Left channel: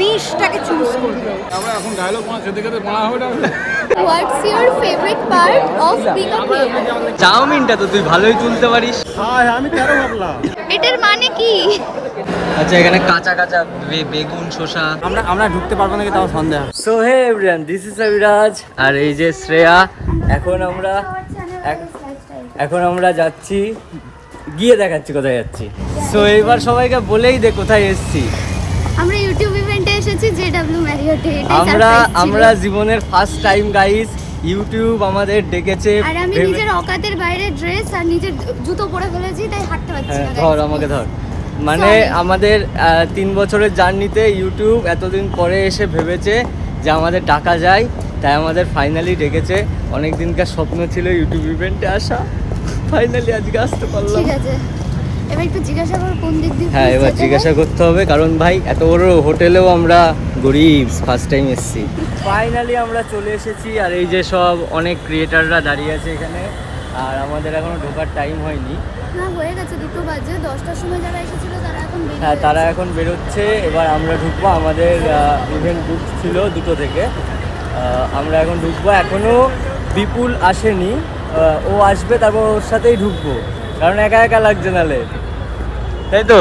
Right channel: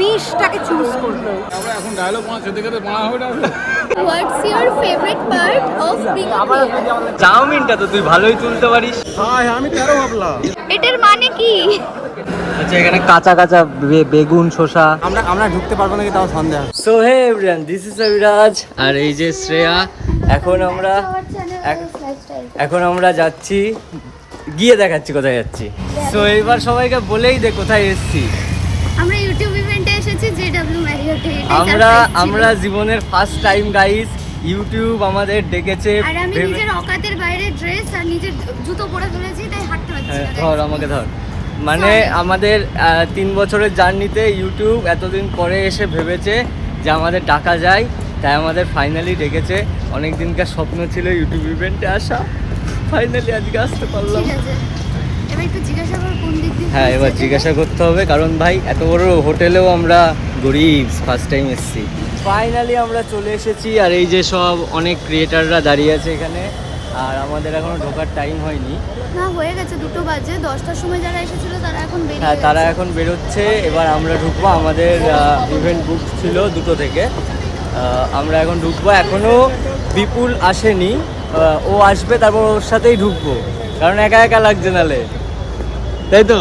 নিশটাকে choose করবে। আমরা এখন ডায়লগ মাছ খেতে খেতে মারা হবে না। What's your favorite part of being a creator? চাউমিনটা তো তুই ভালোই তুলতে পারিস। হ্যাঁ আমি 13 ভাবলাম। এটার মানে কি? আচ্ছা এখানে কাঁচা কাঁচা বেগুন শসা আমরা ঢুকতে পারবো নাকি তাও সন্দেহ। So hey everyone, this is Abhiraj আর এই যে শ্রেয়া। এখন আমরা যাচ্ছি, গিয়ে দেখাচ্ছি কোথায় যাচ্ছি। সো এইবার সবাইকে বলেই দে কোথায় এসেছি। আমরা ইউটিউব ইভেন্টে এসেছি জেডব্লিউ ম্যারিয়টে। আমরা জীবনের ফার্স্ট টাইম গাইস ইউটিউব আমাদের ডেকেছে। আর আমি নিজের অকাতের বাইরে ড্রেস আর নিজের জুতো পরে ফেলেছি, তাই হাঁটতে পারছি হ্যাঁ না। ধর আমাকে ধর। মানে আমাদের 3 বছরের জার্নিতে ইউটিউব এতদিন পরে এসে ভেবেছে যে আমাদের ডাকা যায়, তাই আমাদের ফাইনালি ডেকেছে। অনেক দিনকার স্বপ্ন ছিল ইউটিউব ইভেন্টে আসা, ফাইনালি আজকে আসতে পারলাম। ঠিক আছে, এবার একটু জিজ্ঞাসা করো কোন দিক দিয়ে। হ্যাঁ এবার জিজ্ঞাসা করতে হবে, কারণ ভাই এত বড় হোটেলেও আমরা গরিব, ফার্স্ট টাইম এসেছি। ফাইনালি আমরা চলে এসেছি আর এই যে সব অনেক ক্রিয়েটাররা দাঁড়িয়ে আছে এখানে। আর আমাদের এখনো ঢোকার টাইম হয়নি। না হয়ে গেছে, 2 বাজে। 10টার সময় যারা এসেছিল তারা এখন বেরিয়ে হ্যাঁ তারা এখন বেরোচ্ছে, এবার আমরা ঢুকবো। আমাদের ইভেন্ট বুক ছিল 2টো থেকে, আমরা এখন ঢুকবো। এখনও বিপুল আসেনি, ও আসবে তারপর ওর সাথেই ঢুকবো, কারণ একা একা লাগছে নালে, তাই তো?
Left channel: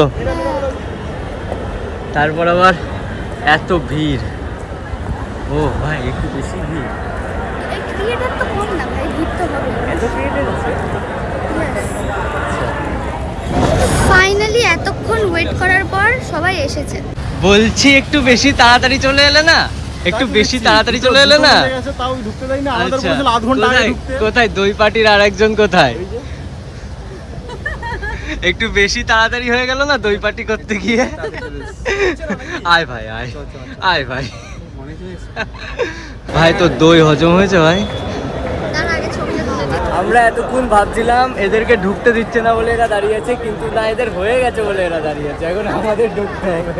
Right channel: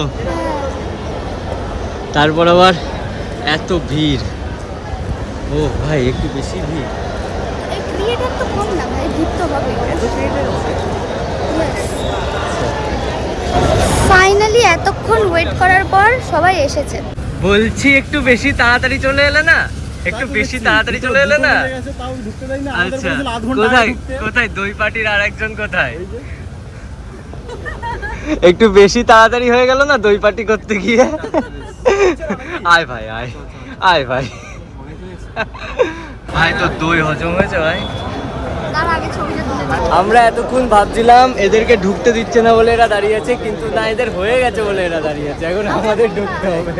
তারপর আবার এত ভিড়, ও ভাই একটু বেশি ভিড়। এই ক্রিয়েটর তো কম না ভাই, ভিড় তো হবে। এত ক্রিয়েটার আছে। ফাইনালি এতক্ষণ ওয়েট করার পর সবাই এসেছে। বলছি একটু বেশি তাড়াতাড়ি চলে এলে না, একটু বেশি তাড়াতাড়ি চলে এলে না। তাও ঢুকতে দেয় না। আমাদের আচ্ছা বলেছিল আধ ঘন্টা আগে কোথায় ঢুকতে। কোথায় দই পার্টির আরেকজন কোথায়? একটু বেশি তাড়াতাড়ি হয়ে গেল না দই পার্টি করতে গিয়ে। আয় ভাই আয়, আয় ভাই। ভাই তো দই হজম হয়েছে ভাই। আমরা এতক্ষণ ভাবছিলাম এদেরকে ঢুকতে দিচ্ছে না বলে এরা দাঁড়িয়ে আছে, কিন্তু না, এদের হয়ে গেছে বলে এরা দাঁড়িয়ে আছে। এখন আমাদের ঢুকতে হবে।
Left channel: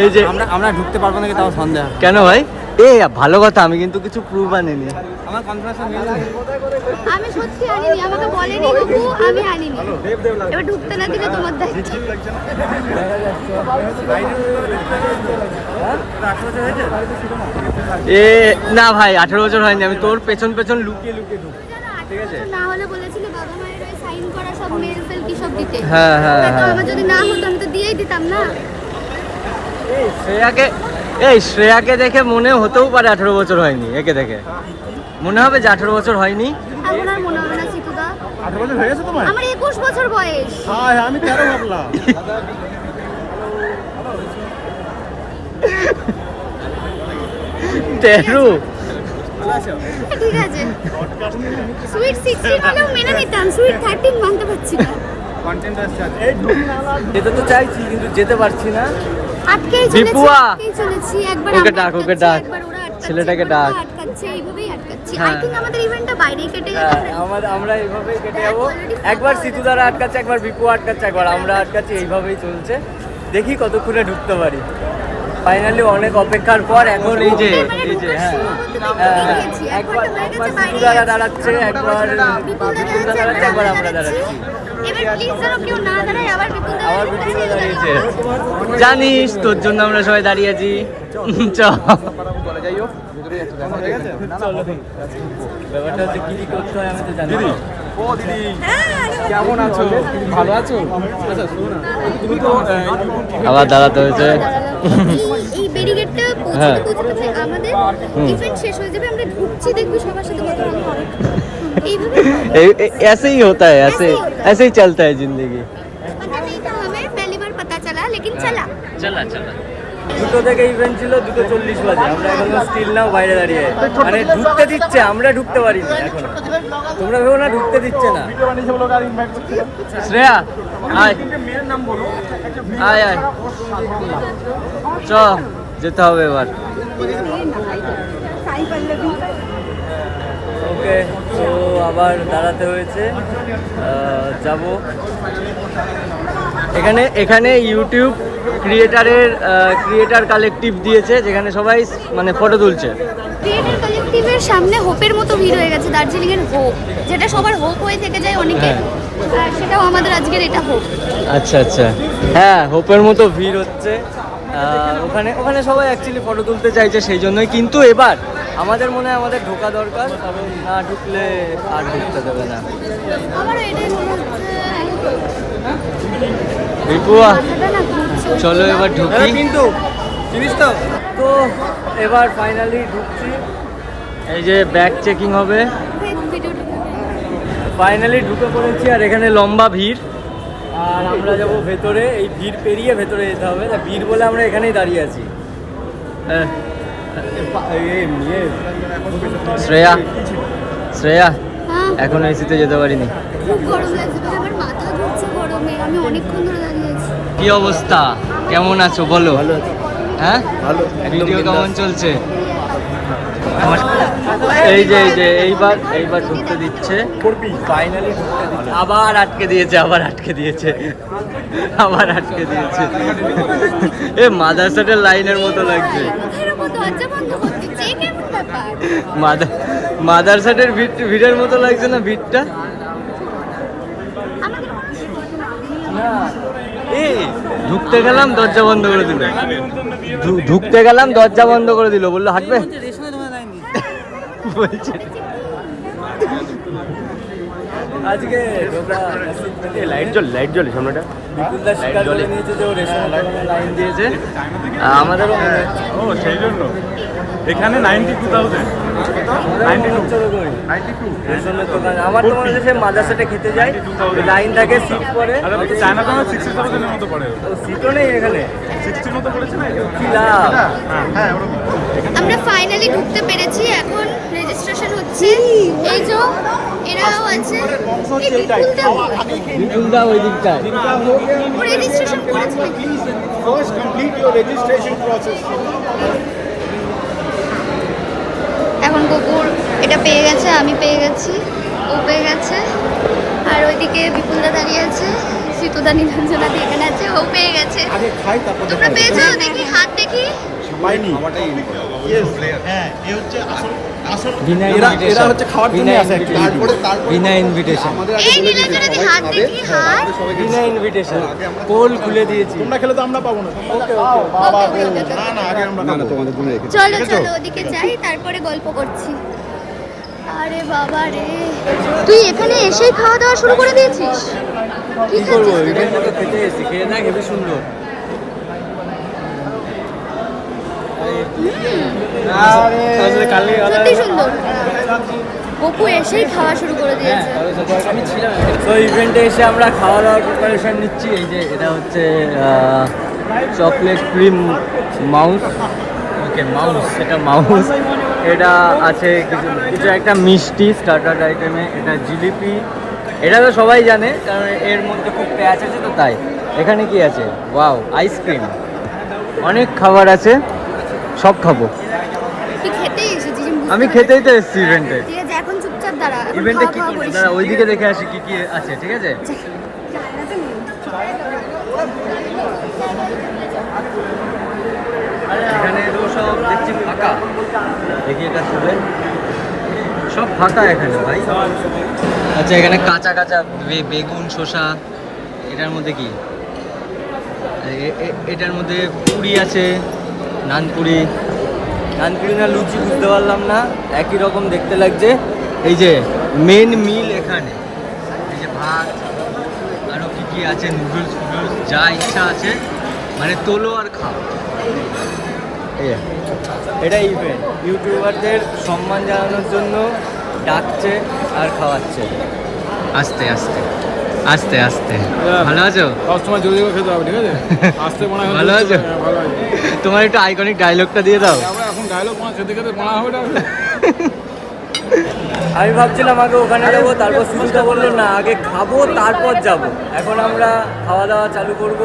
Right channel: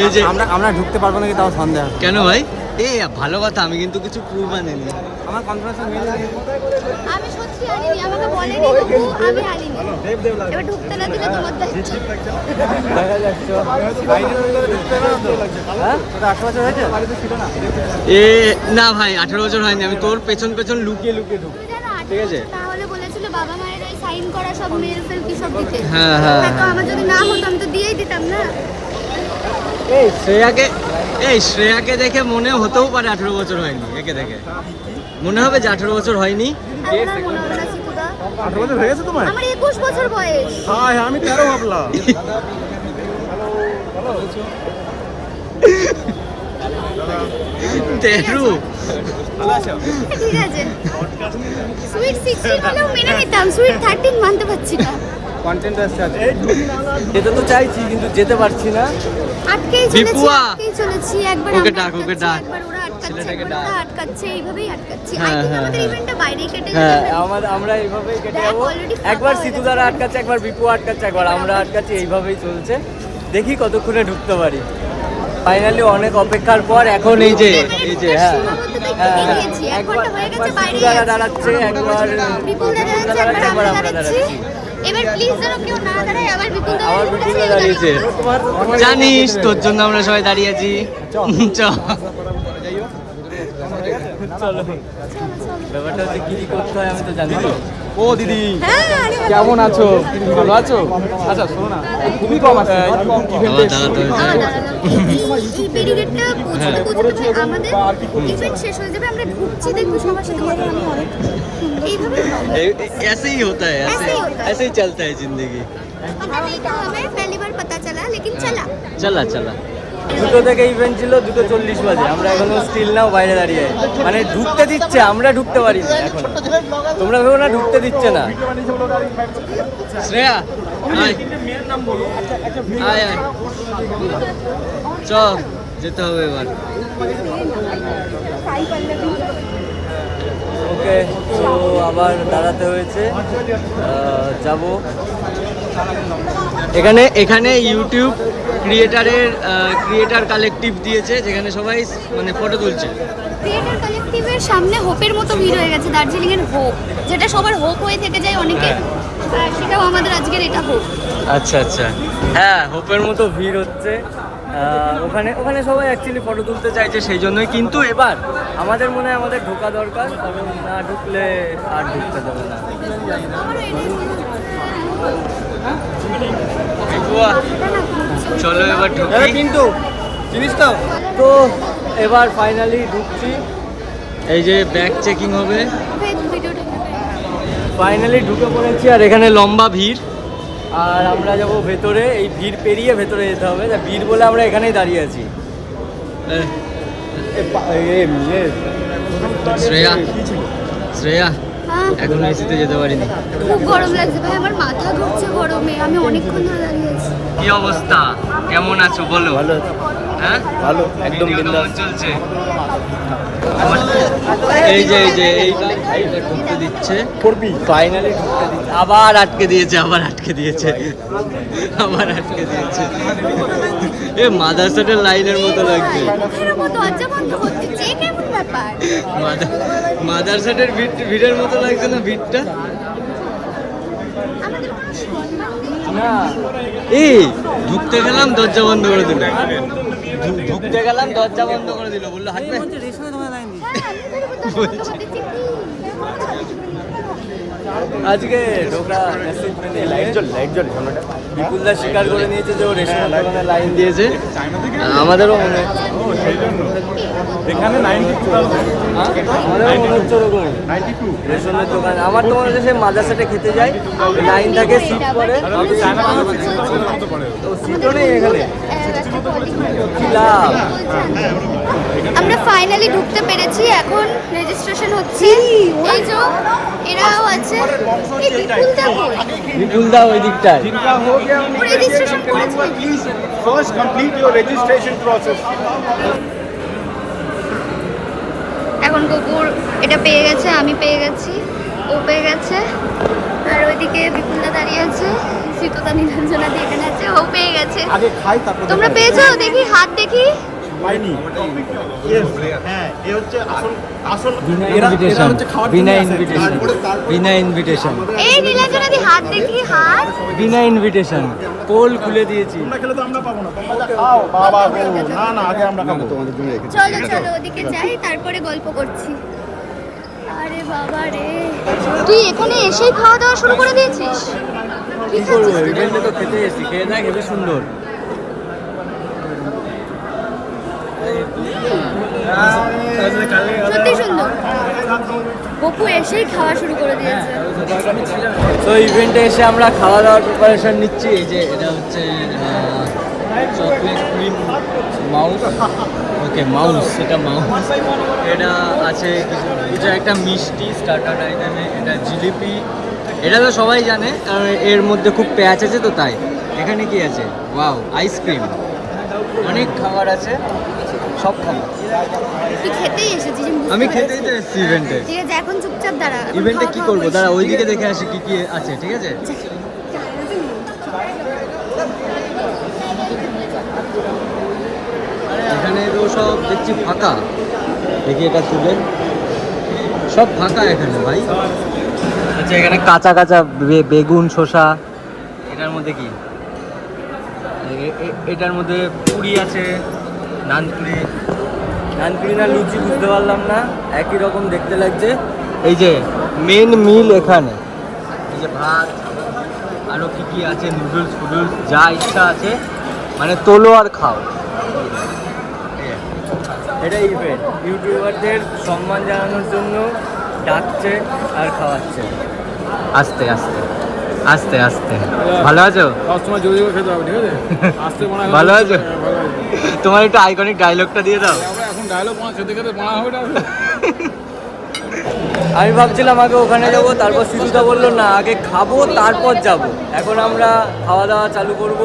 এই যে আমরা ঢুকতে পারবো নাকি তাও সন্দেহ। কেন ভাই? এ ভালো কথা, আমি কিন্তু কিছু প্রুফ আনিনি। আমার কনফারেন্সে মেল নেই। আমি সত্যি আনিনি, আমাকে বলেনি কিন্তু আমি আনিনি। এবার ঢুকতে না দিলে তোমার দায়িত্ব। দেখা যাচ্ছে। হ্যাঁ? এ না ভাই 18 বছর হয়নি, আমি তোর পেছন পেছন লুকিয়ে লুকিয়ে ঢুক। ঠিক আছে। না হলে বলেছিল বাবা মায়ের ওই সাইন করা সব মেল ফেল কি সব দিতে। হ্যাঁ হ্যাঁ তো হ্যাঁ। আমার যদি না হতো আমি তো দিয়েই দিতাম না। এই শ্রেয়াকে দেখে মনে হতেও পারে 18 বছর হয়নি। একে দেখে মনে হবে যে 18 বছর হয়নি। 18 বছর হয়ে গেছে তোমার? আমার 21 বছর বয়স। হ্যাঁ আমি 13 ভাবলাম। 13? ঠিক আছে। সুইট 16 হলেও মেনে নিতাম, সুইট 13 মানতে পারছি না। যেতে তো চাইছি কিন্তু যেতে পারছি না। আটকেই বিপুয়া! চলেছি। একবার ওকে আমরা ডাক, ওকে আটকাচ্ছি, ডাক। একবার ওরা আটকাচ্ছে, ছেলেটাকে একবার ডাক। ওরা আটকাচ্ছে, এইভাবেই আটকাচ্ছি। আই হ্যাঁ, থিংক হ্যাঁ। আমাদের ইভেন্টটা বাইরে কেটে হ্যাঁ আমরা এইভাবেই কেটে যাবো। একবার সিতু দ্বারা আটকাচ্ছে, একবার বিপু আটকাচ্ছে, একবার আমরা আটকাচ্ছি, এইভাবেই চলছে। দেখি কতক্ষণে ঢুকতে পারি। ফাইনালি অনেক অপেক্ষার পর এখন এই যে হ্যাঁ হ্যাঁ, একবার সিতু দ্বারা দাঁড়াচ্ছে, একবার বিপুল দা দাঁড়াচ্ছে, একবার আমরা দাঁড়াচ্ছি। এবার প্লিজ যেন কেউ না দাঁড়ায়, আবার বিপুল দা দাঁড়িয়েছে। জানিস তোর জন্য আমরা সবাই দাঁড়িয়ে আছি। চলো, ব্যাপারটা হচ্ছে কি করতে হয় আমি তো জানি না। ও দিদি কেমন আছো? তুমি ভালো আছো? আচ্ছা শোনো না, তুমি কম আছো। আবার দাঁড়াতে হয়েছে। এই ব্যারিকেডটা হ্যাঁ। পৌঁছতে আমাদের ইভেন্ট শেষ হয়ে যাবে, আমরা ঢুকছি দেখবি সবার সাথে কথা বলবো। এইভাবে ऐसे ही होता है, ऐसे ही चलता है जिंदगी। पता नहीं था हमें, पहली बार पता चला लेकिन चला। চলা 2টো থেকে ইভেন্ট ছিল, 2:40 বাজে। আমরা এখনো স্টিল নাও বাইরে দাঁড়িয়ে, মানে ঢুকতে দিচ্ছে, আমরা ঢুকতে পারিনি এখনো। তোমরা ভেবো না ঢুকতে দিচ্ছে না। শ্রেয়া আয় আয় আয়, চ যেতে হবে এবার। ওকে, তো আবার দাঁড়াতে হয়েছে, যাব। এখানে ইউটিউব ক্রিয়েটার কালেকটিভ দিয়েছে, যেখানে সবাই মানে ফটো তুলছে। ক্রিয়েটার কালেকটিভের সামনে হোপের মতো ভিড় হয়ে গেছে, দার্জিলিং এর হোপ, যেটা সবার হোপ হয়ে থেকে যায় অনেকে। আর সেটাও আমাদের আজকের এটা হোপ। আচ্ছা আচ্ছা, হ্যাঁ হোপের মতো ভিড় হচ্ছে। ওখানে ওখানে সবাই অ্যাকচুয়ালি ফটো তুলতে চাইছে সেই জন্যই, কিন্তু এবার আমাদের মনে হয় আমাদের ঢোকা দরকার, কারণ না ঢুকলে আর ঢুকতে দেবে না। চলো এবার ঢুকি, কিন্তু চিনিস তো তো এবার ফাইনালি ঢুকছি। এই যে ব্যাগ চেকিং হবে, ফাইনালি ঢুকে পড়েছি। আর এখানে লম্বা ভিড়, আর আমরা যাব ভেতরে। এই ভিড় পেরিয়ে ভেতরে যেতে হবে, তা ভিড় বলে আমরা এখানেই দাঁড়িয়ে আছি। শ্রেয়া শ্রেয়া হ্যাঁ এখন এসিতে যেতে পারিনি। খুব গরম লাগছে ভাই, আমার মাথা ঘুরছে গরমে, আমি অনেকক্ষণ ধরে দাঁড়িয়ে আছি। কি অবস্থা, কেমন আছো বলো? ভালো আছি। হ্যাঁ ভালো একদম কেমন চলছে? এইবার ঢুকতে দিচ্ছে, ফাইনালি ঢুকতে দিচ্ছে। আবার আটকে দিয়েছে এ মাদারসাটের লাইনের মতো লাগছে। দরজা বন্ধ করতে চেয়ে কেমন ব্যাপার? মাদারসাটের ভিড়ের মতো লাগছে না ভিড়টা? না এই ঢুকতে গেলাম দরজা বন্ধ করে দিল, বললো হাঁটবে। বলছে আজকে ঢোকা নসিব মে নেই। বিপুলদা স্বীকার করে নিয়েছে যে ও রেশনের দোকানে লাইন দিয়েছে, আমাদেরও মনে হচ্ছে ওরকমই রেশনের দোকান। আমার তো মনে হচ্ছে সে মাদ্রাসাটা খেতে যায়, লাইন থাকে, সিট পরে, তো সিটও নেই এখানে, কি লাভ? আমরা ফাইনালি ঢুকতে পেরেছি, এখন রেজিস্ট্রেশন হচ্ছে। এই যে এরাও আছে, এই বিপুলদা কই? বিপুলদা ওই দিকটায়। ও রেজিস্ট্রেশন করেছে নাকি? এখন কুকুর এটা পেয়ে গেছে, আমি পেয়ে গেছি, ও পেয়ে গেছে, আর ওইদিকে বিপুলদা দাঁড়িয়ে আছে, সিতুদা নীলাঞ্জনা দিয়ে এখানে আছে, ও পেয়ে গেছে। তোমরা পেয়েছো? দেখি হাত দেখি। বিনা ইনভিটেশন। এই নীলাঞ্জনা দি হাত দেখি, হাত। বিনা ইনভিটেশন পোল খুলে দিয়েছি। চলো চলো ওদিকে যাই, তারপরে গল্প করছি। আরে বাবা রে, তুই এখানে এসেই খাওয়া দাওয়া শুরু করে দিয়েছিস? কি করবো, ইভেন্টে তো খেতে এসেছি, খেয়ে দেখ হেবি সুন্দর। সত্যি সুন্দর। গপু এসেই খাওয়া শুরু করে দিয়েছে। তো ইভেন্টে এসে আমরা খাওয়া দাওয়ার প্রিপারেশন নিচ্ছি। এই যে এটা হচ্ছে চকলেট ক্রিম মাউস, ওকে মাউস, এটা মাউস। এটা আছে কিছু একটা মিষ্টি স্টার্টার আইটেমে, এটা জিলিপি, এটা তো সবাই জানে কারণ এর মধ্যে খুব প্যাঁচ আছে তো তাই। এখানে কি আছে? ওয়াও, আইসক্রিম, অনেক খাবার আছে, সব খাবো। তুই খেতেই এসেছিস? আমি খেতেই তো এসেছি ইভেন্টে। ঠিক আছে, এখন চুপচাপ দাঁড়া। ইভেন্টে কি করবো? দাঁড়া ওইদিকে দেখে আসি কি কি আছে, ঠিক আছে? এখানে এগুলো সব দেখছি ফাঁকা, দেখি এটা তুলে, সব ফাঁকা এখানে ভাই। আচ্ছা এখানে কাঁচা কাঁচা বেগুন, শসা, এটার মধ্যে কি? এটার মধ্যে পুরি আছে, নানপুরি না লুচি বুঝতে পারলাম না, একই রকম দেখতে লাগছে। এই যে মেন মিল এখানে, এই যে ভাত, আরও কি কি আছে, নুডলস ফুডলস, যা ইচ্ছা আছে, মানে তোলো আর খাও। এটা ইভেন্ট ইউটিউবারদের সম্মান জানানোর জন্য ডাকছে আর খাওয়াচ্ছে, আস্তে আস্তে আস্তে আস্তে। ভালো আছো? সবসময় জোরে জোরে খেতে হবে, ঠিক আছে? আস্তে মনে হয়। ভালো আছো? ভালো আছি। তোমার একটু আইকনিক ডায়লগটা দিয়ে দাও। এখন ডায়লগ খেতে খেতে বানা হবে না। আমি ভাবছিলাম আগে ওখানে যাব, তারপর সিধুদা বললো না আগে খাবো তারপর যাব। এখন আমরা খাওয়া দাওয়া চালু করব,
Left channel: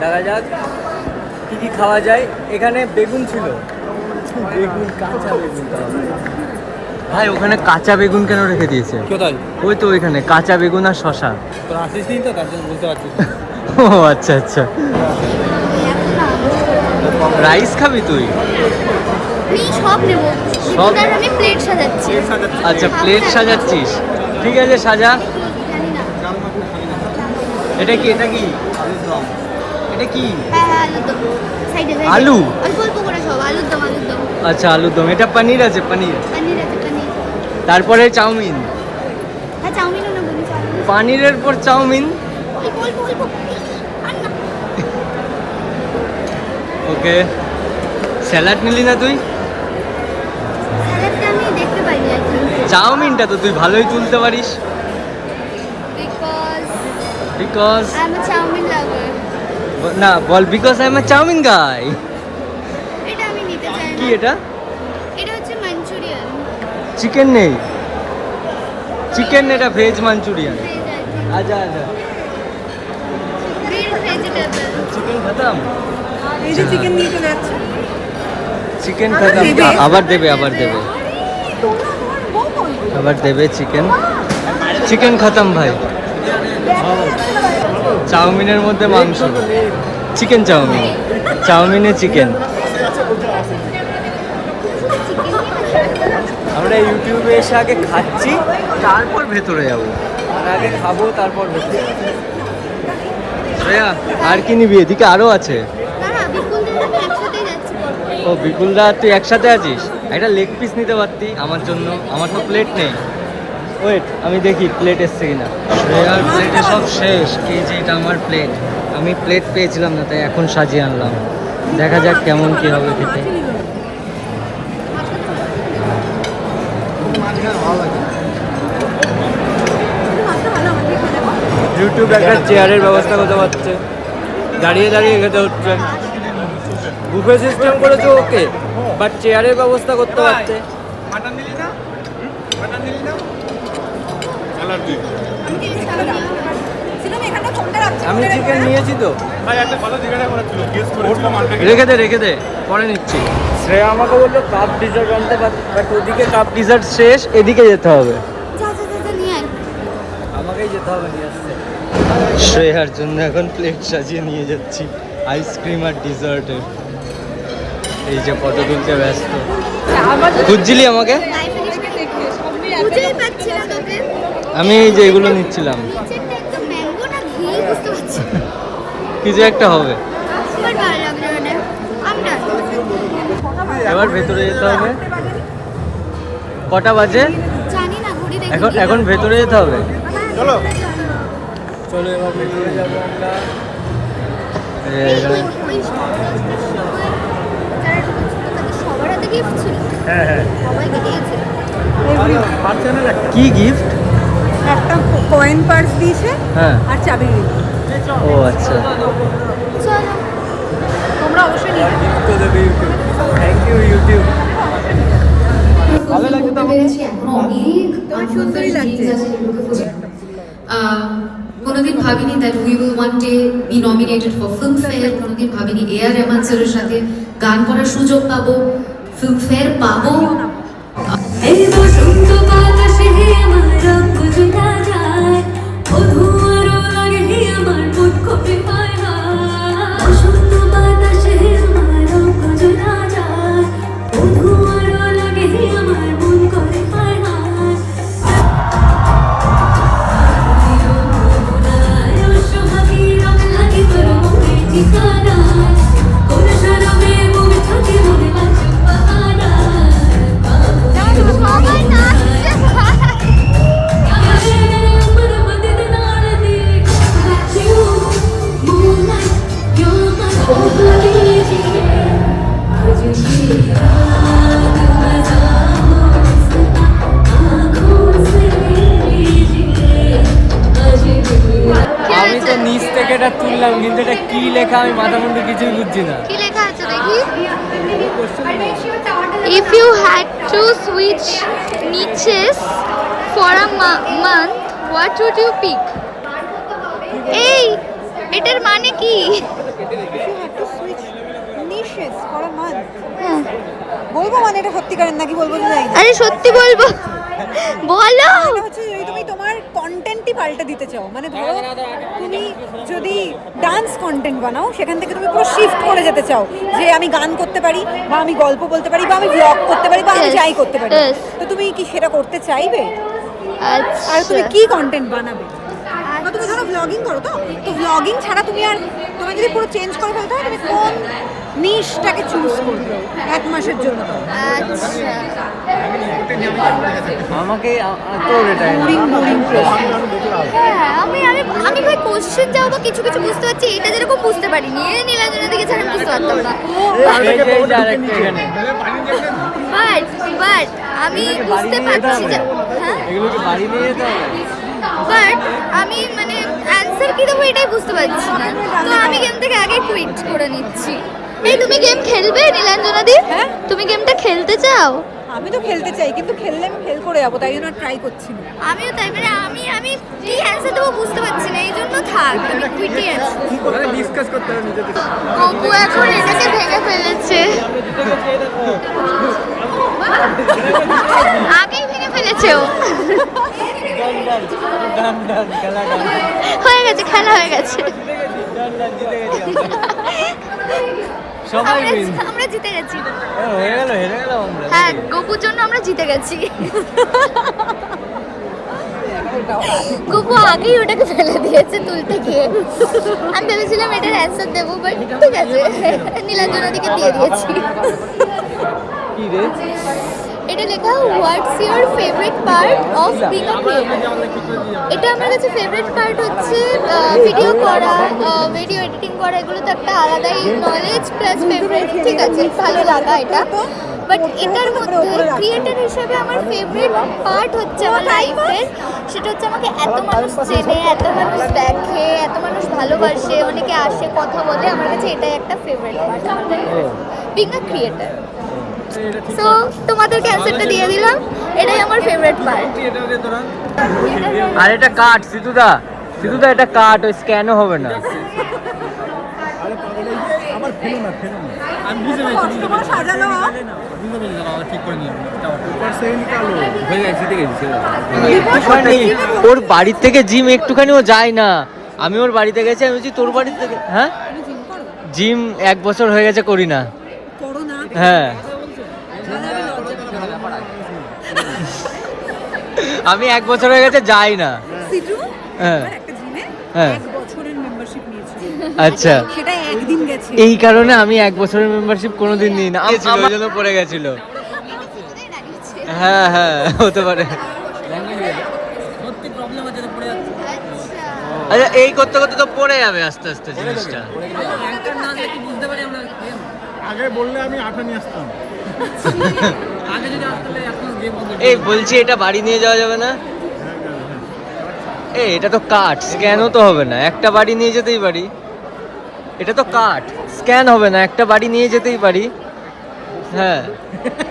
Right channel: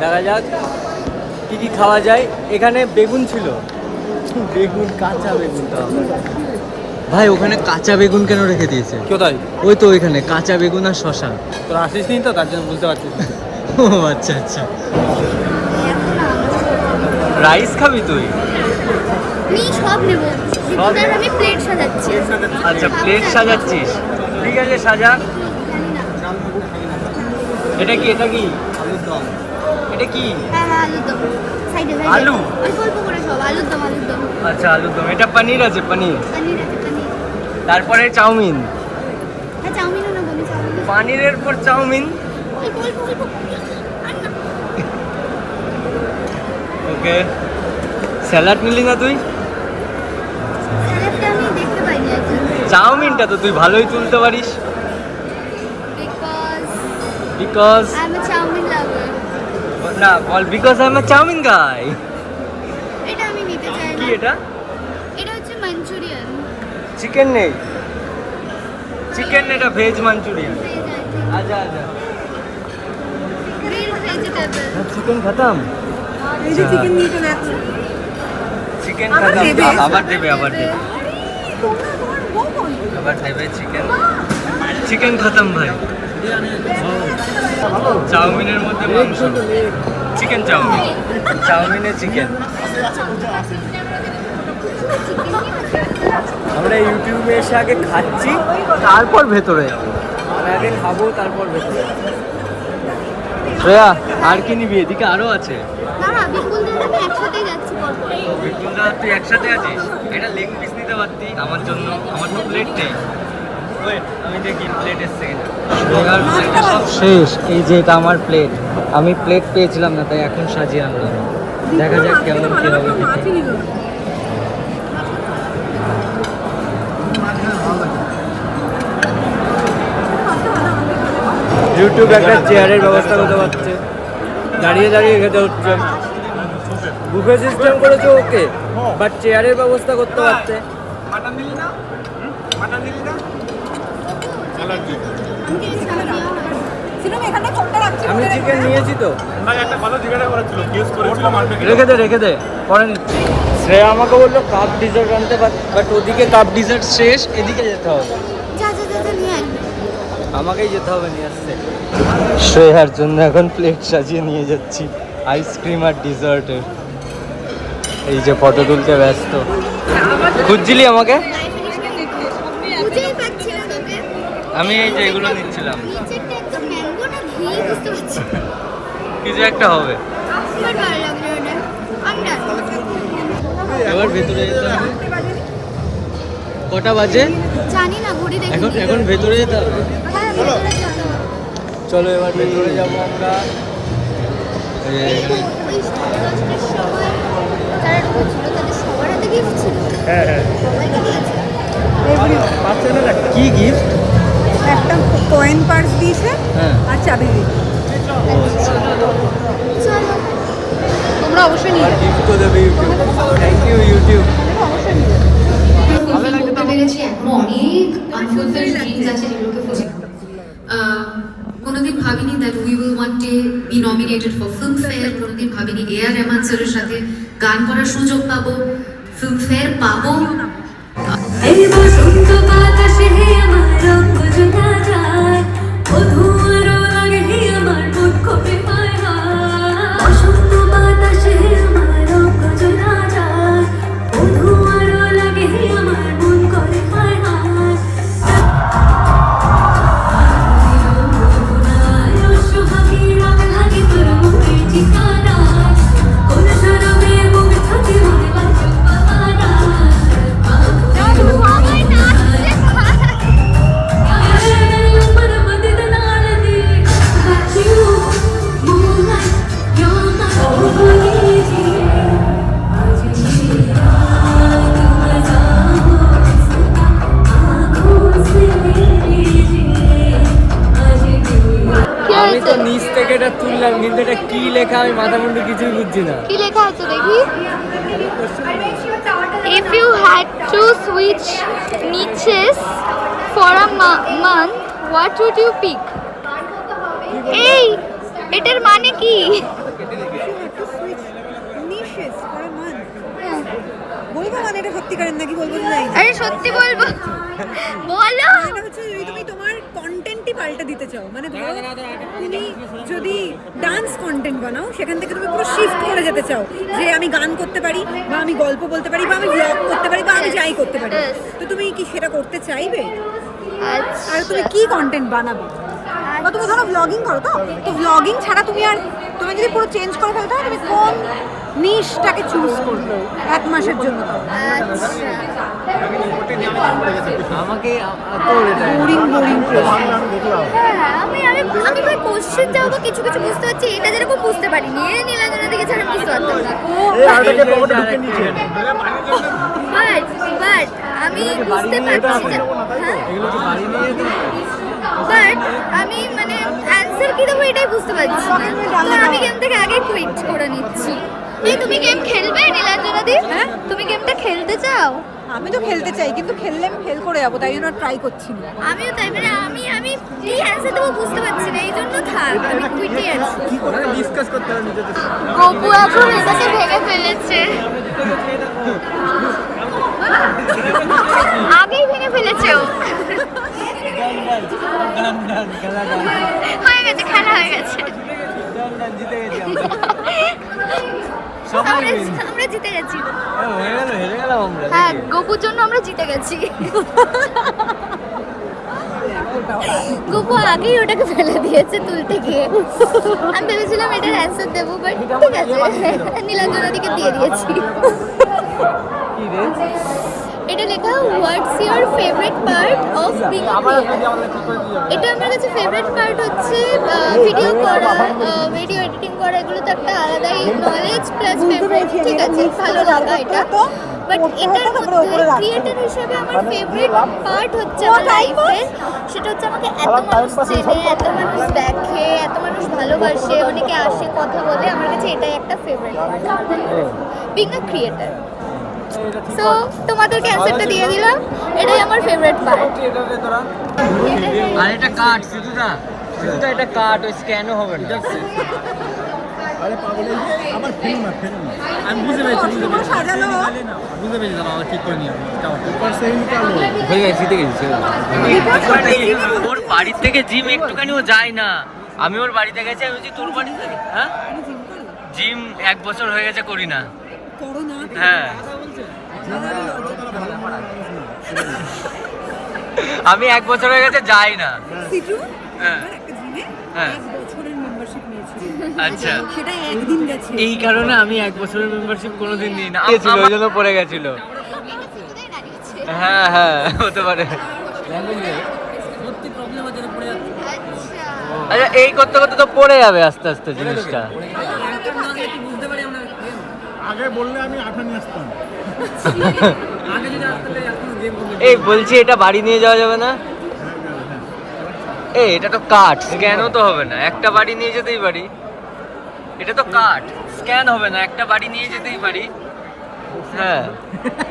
দেখা যাক কী কী খাওয়া যায়। এখানে বেগুন ছিল, বেগুন, কাঁচা বেগুন। তো ভাই ওখানে কাঁচা বেগুন কেন রেখে দিয়েছে? কোথায়? ওই তো ওইখানে কাঁচা বেগুন আর শশা। তোর আসিস নি তো, তার জন্য বুঝতে পারছিস। ও আচ্ছা আচ্ছা। রাইস খাবি তুই? আমি সব নেবো, বিপুলদার আমি প্লেট সাজাচ্ছি। আচ্ছা প্লেট সাজাচ্ছিস, ঠিক আছে সাজা। জানি না। এটা কি? এটা কি? এটা কি? হ্যাঁ আলুর দম সাইডে আলু? অল্প অল্প করে সব আলুর দম আচ্ছা আলুর দম। এটা পনির আছে, পনির। পনির আছে পনির। তারপরে চাউমিন। হ্যাঁ চাউমিনও না বলি চাউমিন পানিরের পর চাউমিন। অল্প অল্প অল্প আর না ওকে, স্যালাড নিলি না তুই? স্যালাডটা আমি দেখতে পাইনি অ্যাকচুয়ালি চাউমিনটা তো তুই ভালোই তুলতে পারিস। Because because I am a chowmein lover. না, বল because I am a chowmein guy. এটা আমি নিতে চাই কি না। এটা? এটা হচ্ছে মাঞ্চুরিয়ান। চিকেন নেই, চিকেন এটা veg manchurian. Veg I think আচ্ছা আচ্ছা, গ্রিলড ভেজিটেবল। চিকেন খতম। এই যে চিকেন নিয়ে চলে যাচ্ছে। চিকেন আবার খতম। দেবে? আবার দেবে, আবার দেবে, তোমার বউ কই? আবার দেবে চিকেন। চিকেন খতম ভাই। চাউমিনের মধ্যে মাংস, চিকেন চাউমিন, চাউমিনে চিকেন। আমরা ইউটিউবে এসে আগে খাচ্ছি, তারপর ভেতরে যাবো। আর আগে খাবো, তারপর ভেতরে যাবো। শ্রেয়া, আর কি নিবি? এদিকে আরো আছে। না না বিপুল দিন আমি একসাথেই যাচ্ছি পরপর। ও বিপুলদা, তুই একসাথে আছিস? একটা লেগ পিস নিতে পারতি আমার জন্য, আমার তো প্লেট নেই। ওয়েট, আমি দেখি প্লেট এসছে কিনা। শ্রেয়ার প্লেটে সব শেষ। এই যে এটা আমার প্লেট, আমি প্লেট পেয়েছিলাম না, তাই এখন সাজিয়ে আনলাম। দেখা যাক কেমন কি হবে খেতে। ইউটিউব একটা চেয়ারের ব্যবস্থা করতে পারছে, দাঁড়িয়ে দাঁড়িয়ে খেতে হচ্ছে। বুফে সিস্টেম করেছে ওকে, বাট চেয়ারের ব্যবস্থা করতে পারছে। আমি চিকেন নিয়েছি তো, রেখে দে পরে নিচ্ছি। শ্রেয়া আমাকে বললো কাপ ডিজার্ট আনতে, বাট ওদিকে কাপ ডিজার্ট শেষ, এদিকে যেতে হবে। যা যা যা নিয়ে আয়। আমাকেই যেতে হবে নিয়ে আসতে। শ্রেয়ার জন্য এখন প্লেট সাজিয়ে নিয়ে যাচ্ছি আইসক্রিম আর ডিজার্টের। এই যে ফটো তুলতে ব্যস্ত। খুঁজছিলি আমাকে? খুঁজেই পাচ্ছি না তোকে। আমি এই যে এগুলো নিচ্ছিলাম। নিচেরটা একদম ম্যাঙ্গো না ঘি বুঝতে পারছি না। কিছু একটা হবে। আমার ভালো লাগলো না। আমি ডান। এবার ভেতরে যেতে হবে। কটা বাজে? জানি না ঘড়ি দেখি। এখন ভেতরে যেতে হবে। হ্যাঁ, ভেতরে চলো। চলো এবার ভেতরে যাবো আমরা। এখানে ওই সাড়ে 10টার সময় যারা ঢুকেছিল তাদের সবার হাতে গিফট ছিল। হ্যাঁ হ্যাঁ। সবাইকে দিয়েছে। কি গিফট? একটা কয়েন পার্স দিয়েছে হ্যাঁ। আর চাবি দিয়েছে। ও আচ্ছা। চলো। তোমরা অবশ্যই আর গিফট তো দেবে YouTube. Thank you YouTube. Fulfil করতে পেরেছি। এখনো অনেক আনফুলফিলড ড্রিমস আছে যেগুলোকে ফুলফিল কোনোদিন ভাবিনি that we will one day be nominated for Filmfare. কোনোদিন ভাবিনি এআর রহমান স্যারের সাথে গান করার সুযোগ পাবো, ফিল্মফেয়ার পাবো। এই বসন্ত বাতাসে আমার রঙ জোড়া যায়, মধুর লাগে আমার মন কপে পায় হায়। বসন্ত বাতাসে আমার রঙ জোড়া যায়, মধুর লাগে আমার মন করে পায় হায়। সুহাগী রঙ লাগে তোর মুখের ঠিকানায়, কোন শরমে মুখ থাকে মনে লাগে বাহানায়। সবাই নাচছে। আমি তো নিচ থেকে এটা তুললাম, কিন্তু এটা কি লেখা আমি মাথা মুন্ডু কিছুই বুঝছি না। কি লেখা আছে দেখি? If you had to switch niches for a month, what would you pick? এই এটার মানে কি? বলবো মানে এটা সত্যিকারের নাকি বলবো তো জানি না। আরে সত্যি বলবো, বলো। এটা হচ্ছে যদি তুমি তোমার কন্টেন্টই পাল্টে দিতে চাও, মানে ধরো তুমি যদি ডান্স কন্টেন্ট বানাও, সেখান থেকে তুমি পুরো শিফট করে যেতে চাও যে আমি গান করতে পারি, বা আমি গল্প বলতে পারি, বা আমি ব্লগ করতে পারি, বা আমি যাই করতে পারি, Yes. তো তুমি কি সেটা করতে চাইবে? আচ্ছা। আর তুমি কি কন্টেন্ট বানাবে? বা তুমি ধরো ব্লগিং করো, তো ব্লগিং ছাড়া তুমি আর তোমায় যদি পুরো চেঞ্জ করে ফেলতে হয় তুমি কোন নিশটাকে চুজ করবে 1 মাসের জন্য? তাও আচ্ছা, আমাকে বোরিং বোরিং প্রশ্ন। হ্যাঁ আমি আমি আমি ভাই কোশ্চেন যাও বা কিছু কিছু বুঝতে পারছি, এটা যেরকম বুঝতে পারিনি, নীলাঞ্জনা দিকে ছাড়া বুঝতে পারতাম না। বাট আমি বুঝতে পারছি যে হ্যাঁ, বাট আমি মানে অ্যান্সার কি দেবো এটাই বুঝতে পারছি না, তো আমি গেম থেকে আগে কুইট করে নিচ্ছি। এই তুমি গেম খেলবে নীলাঞ্জনা দি? হ্যাঁ, তুমি গেমটা খেলতে চাও? আমি তো খেলতে চাই কিন্তু খেললে আমি ফেল করে যাবো, তাই জন্য ট্রাই করছি না। আমিও তাই, মানে আমি কি অ্যান্সার দেবো বুঝতে পারছি না, এই জন্য থাক আমি কুইটই আছি। ডিসকাস করতে হবে নিজেদের। গপু এখন এটাকে ভেঙে ফেলেছে, আগেই ভেঙে ফেলেছে ও। হয়ে গেছে, খেলা হয়ে গেছে, আমরা জিতে গেছি। হেরে গেলাম আমরা। হ্যাঁ, গপুর জন্য আমরা জিতে গেছি। গপু আগেই ওটাকে ফেলে দিয়েছে তুলতে গিয়ে। আমি ভেবেছিলাম এটার অ্যান্সার দেবো, বাট ঠিক আছে, নীলাঞ্জনা দিকে দিয়ে দিয়েছি। কি রে? এটা লেখা what's your favourite part of being a creator. এটা আমার কাছে ফেভারিট পার্ট হচ্ছে ভিডিও করা, ভিডিও এডিটিং করা, এগুলো তো একটা আলাদাই নলেজ প্লাস ফেভারিট, ঠিক আছে, ভালো লাগা এটা। বাট এটার মধ্যে ক্রিয়েটর হিসেবে আমার ফেভারিট পার্ট হচ্ছে আমার লাইফের, সেটা হচ্ছে আমাকে এত মানুষ চেনে, এত মানুষ দেখে, এত মানুষ ভালোবাসে, অনেকে আসে কথা বলে, আমার কাছে এটাই একটা ফেভারিট পার্ট আমার লাইফের, বিং আ ক্রিয়েটর। সো তোমাদেরকে অ্যান্সারটা দিয়ে দিলাম, এটাই আমার ফেভারিট পার্ট। আর এটা কাট সিধুদা, সিধুদা এটা কাট, ওই স্ক্যানও হবে না। আরে পাগল, এই যে আবার ফেলো না। আমি বুঝতে পেরেছি দাঁড়াও ঠিক করে নিয়ে হয়ে গেছে, জিতে গেছি। ওর বাড়ির থেকে জিম একটুখানিও যায় না, আমি ওর বাড়িতে গেছি, আমি বলছি তোর বাড়ি থেকে, হ্যাঁ জিম 1 বছর হয়ে গেছে করি না। করো না। হ্যাঁ আমি 1 বছর হয়ে গেছে যাই না। সিটু হ্যাঁ। আমার একটা জিমে হ্যাঁ। 1 বছরের মেম্বারশিপ নিয়েছিল। আচ্ছা, সেটা একদিন গেছে। এই কারণে আমি 1 বছরের মেম্বারশিপ কোনোদিন নিই না, আমার জন্য পড়ে গেছিল। হ্যাঁ হ্যাঁ হতে পারে। আচ্ছা, এই করতে করতে তো পড়ে যাবে আস্তে আস্তে জিনিসটা। আগে বললে আমি 8 নিয়ে আসতাম। এই বলছি এটা বাড়ি নিয়ে যাওয়া যাবে না? এই এটা তো কাট, স্ক্যানও তো হবে না, একটা বাড়ি নিয়ে যেতেই পারি। এটা তো কাট, স্ক্যান হবে না, একটা বাড়ি নিয়ে যেতেই পারি। হ্যাঁ,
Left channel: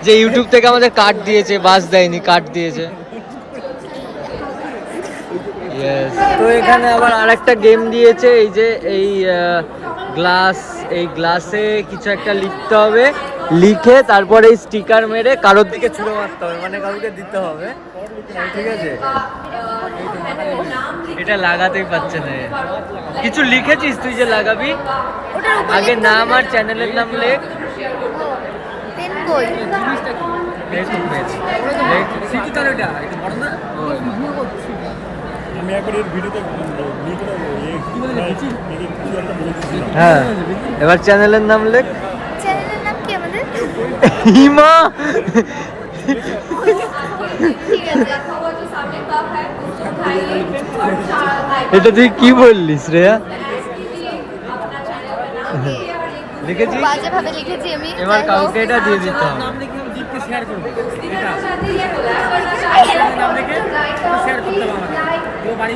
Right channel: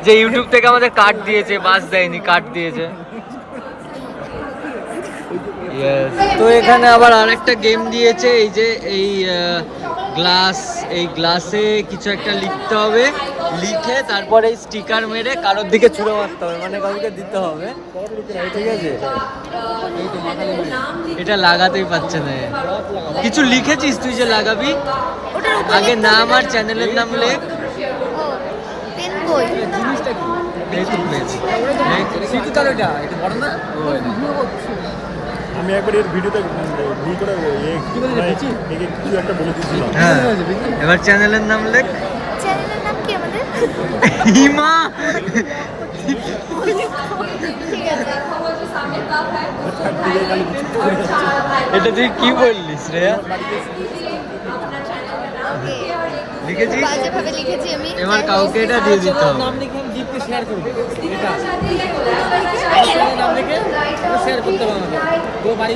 যে ইউটিউব থেকে আমাদের কাট দিয়েছে, বাস দেয়নি, কাট দিয়েছে। তো এখানে আবার আরেকটা গেম দিয়েছে, এই যে এই গ্লাস, এই গ্লাসে কিছু একটা লিখতে হবে, লিখে তারপরে এই স্টিকার মেরে কারোর দিকে ছুঁড়ে মারতে হবে, মানে কাউকে দিতে হবে, ঠিক আছে? এটা লাগাতেই পারছে না। কিছু লিখেছিস তুই যে লাগাবি? ওটার উপরে আগে নাম আর চ্যানেলের নাম লেখ। পেন বই। এই তো পেয়েছি, লেখ। আমি একবার এর ভিডিওতে কিছু একটা বলে দিয়েছিলাম। হ্যাঁ, এবার চ্যানেলের নাম লেখ। চ্যানেলের নাম কি আমাদের? হিমা। ঠিক আছে। এটা তুই কি বললি শ্রেয়া? ওকে, লিখেছিস? বাজেভাবে লিখেছি আমি। এবার কাউকে এটা দিয়ে দিতে হবে।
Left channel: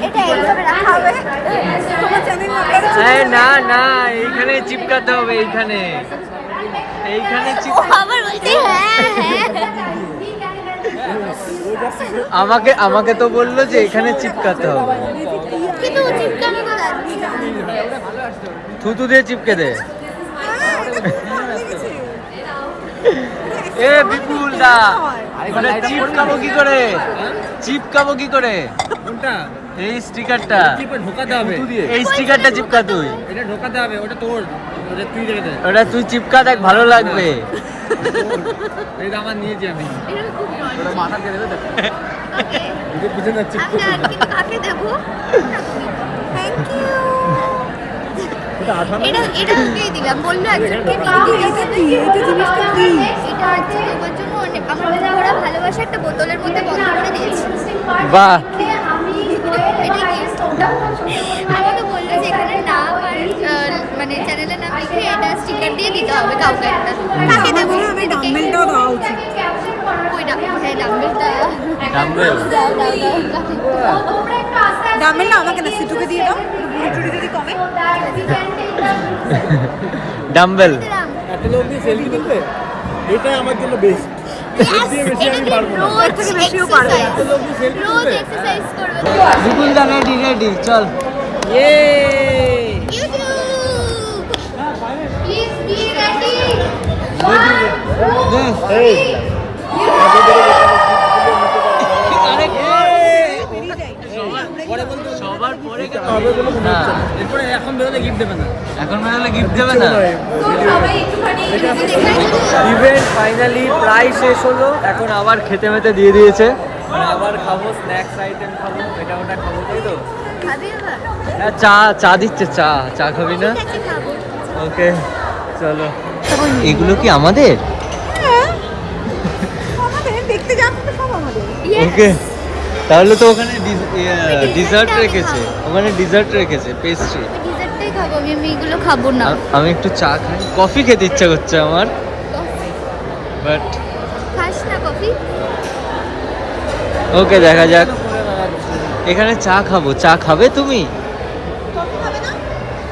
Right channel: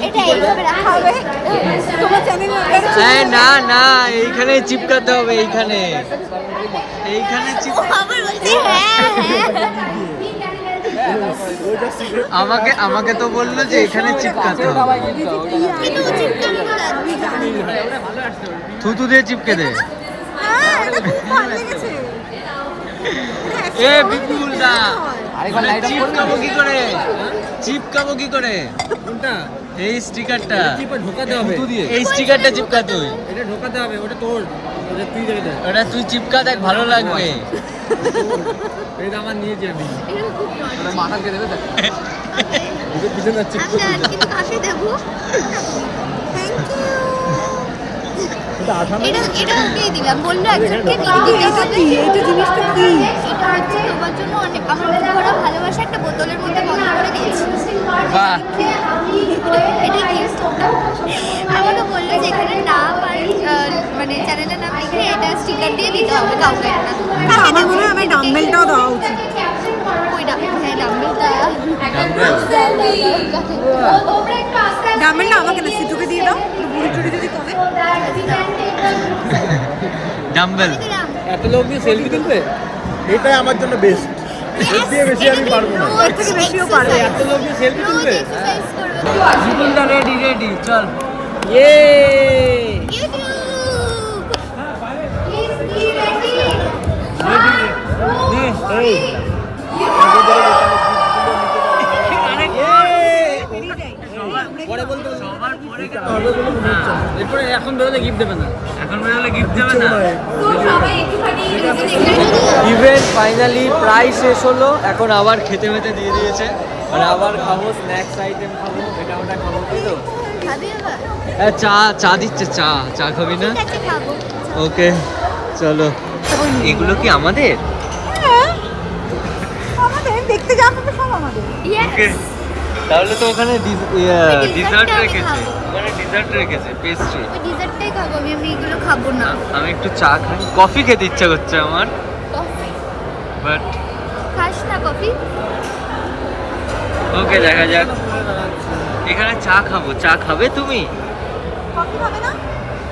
এটা এইভাবে রাখা হবে। তোমার চ্যানেল নাম্বার এই না না, এইখানে চিপকাতে হবে, এইখানে এইখানে আবার বলছি হ্যাঁ হ্যাঁ। আমাকে তো বললো যে এখানে চিপকাতে হবে। কিন্তু ও চিপকানো তো লাগবে। থুতু দিয়ে চিপকে দে। হ্যাঁ, এটা খুব ভালো লেগেছে। এ বিপুল দা, ওটা চিপকাবো কি করে? চিপকাবো কি করে? কোনটা? এই স্টিকারটা ঢোকাতে হবে, এই স্টিকারটা চিপকা তুই। এটা ঢোকাতে হবে, ওটা তোর, ওটা তুই রেখে দে। ওটা তুই চিপকা দেখ, ভালো লাগবে। এটা আমার নিয়েছি আমি। আচ্ছা, কিন্তু কাকে দেবো? Thank you. এটা ওকেই দিলাম, বললো একজনকে দিতে হবে। এইটা জিনিসটা কি? এটা হচ্ছে তোমার জন্য অনেক আমার ওরা ভালোবাসা একটা বোতলের মধ্যে বন্ধ করে দিয়েছি। বাহ, এটা কি আমাকে বললো যে এখানে নাম আর মানে চ্যানেলের নাম লিখে এটা স্টিকার দিয়ে দিতে হবে কাউকে একটা। কাকে আমার দেবো? মনে হয় আমার ডাম্বেলটাও দেওয়া উচিত। ওই হ্যাঁ ডাম্বেলটা। ডাম্বেল। ডাম্বেলটা আমাকে না, সিটুকে দিয়ে দাও, একটু বুড়ি টুড়ি যদি কমে। ডাম্বেল। এত লোক দিয়ে সেলফি তুলবে? এটাই আমার জন্য বেস্ট। এর দিয়ে বেশি আমি পারবো না। এর থেকে বেশিও পারবে। এত লোক দিয়ে সেলফি তুলবে? বিপুল দা রেডি চল। ইয়ে পরে বলতে সবার পরে না, এরপরে এখন বেরোলে গিফট দেবে না। এখন বেরোলে গিফট দেবে না। ইভেন্ট ফাইনালি প্রায় শেষ হলো, এখন আবার খেতে মেতে দিয়ে দিয়েছে, মানে আবার খাবো, স্ন্যাক্স আইটেম খাবো, এটা ওটা খাবো, তাই তো? খাবি আবার? হ্যাঁ, চা দিচ্ছে, চা খাবি না? ঠিক আছে, খাবো। ওকে চলো। এগুলো কি আমাদের? হ্যাঁ, আমাদের দেখতে যাবো তো সব আমাদের। ওকে, তাহলে তো ওখানে ডিজার্ট dessert আমি রেখেছে, খাবো। ওখানে ডিজার্ট রেখেছে, পেস্ট্রি। আমি ডিজার্টটাই খাবো, আমি এগুলো খাবো না। আমি একটু চা খাই, কফি খেতে ইচ্ছা করছে আমার, কফি বাট খাস না? কফি ওকে দেখা যাক। এখানে চা খাবো, চা খাবে তুমি?